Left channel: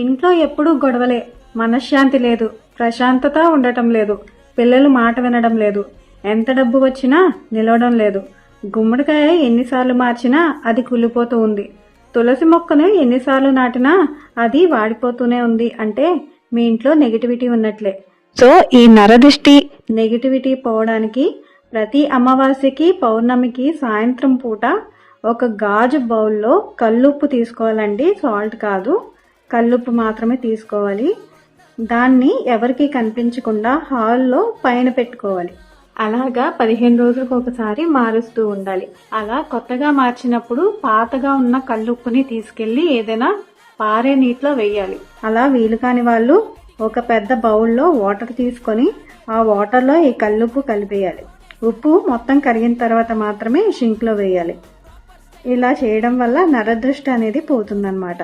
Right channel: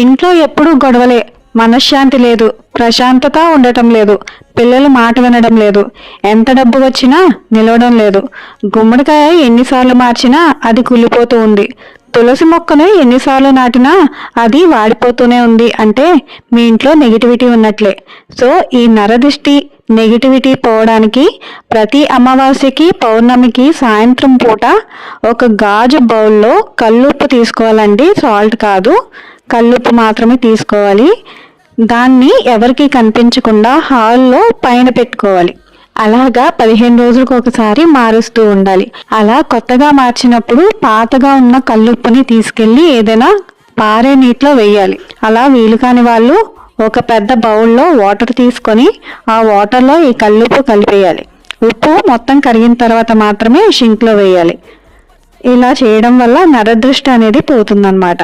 ఇంట్లో ఎప్పుడూ గొడవలే, మనశ్శాంతి లేదు, ప్రశాంతత ఉండటం లేదు, పిల్లలు మాట వినడం లేదు, ఎంత డబ్బు వచ్చినా నిలవడం లేదు. గుమ్మడికాయ ఎన్నిసార్లు మార్చినా అది కుళ్ళిపోతూ ఉంది. తులసి మొక్కను ఎన్నిసార్లు నాటినా అది వాడిపోతూనే ఉంది. అంటే మీ ఇంట్లో నెగిటివిటీ ఉన్నట్లే. సో ఈ నరదిష్టి నెగిటివిటీ పోవడానికి ప్రతి అమావాస్యకి పౌర్ణమికి సాయంత్రం పూట ఒక గాజు బౌల్లో కల్లుప్పు తీసుకోవాలండి. సాల్ట్ కాదు, కల్లుప్పు మాత్రమే తీసుకోవాలి. దాన్ని ఎవరికి కనిపించకుండా హాల్లో పైన పెట్టుకోవాలి. అలాగా 15 రోజులకు ఒకసారి మారుస్తూ ఉండాలి. అలా కొత్తగా మార్చినప్పుడు పాతగా ఉన్న కల్లుప్పుని తీసుకెళ్లి ఏదైనా పారే నీటిలో వేయాలి. అలా వీలు కాని వాళ్ళు ఒక పెద్ద బౌల్లో వాటర్ తీసుకొని ఆ వాటర్లో ఈ కల్లుప్పు కలిపేయాలి. ఉప్పు మొత్తం కరిగిన తర్వాత మాత్రమే షింక్లో వేయాలి. ఇలా చేయడం వల్ల నరదృష్టి అనేది పోతుందన్నమాట.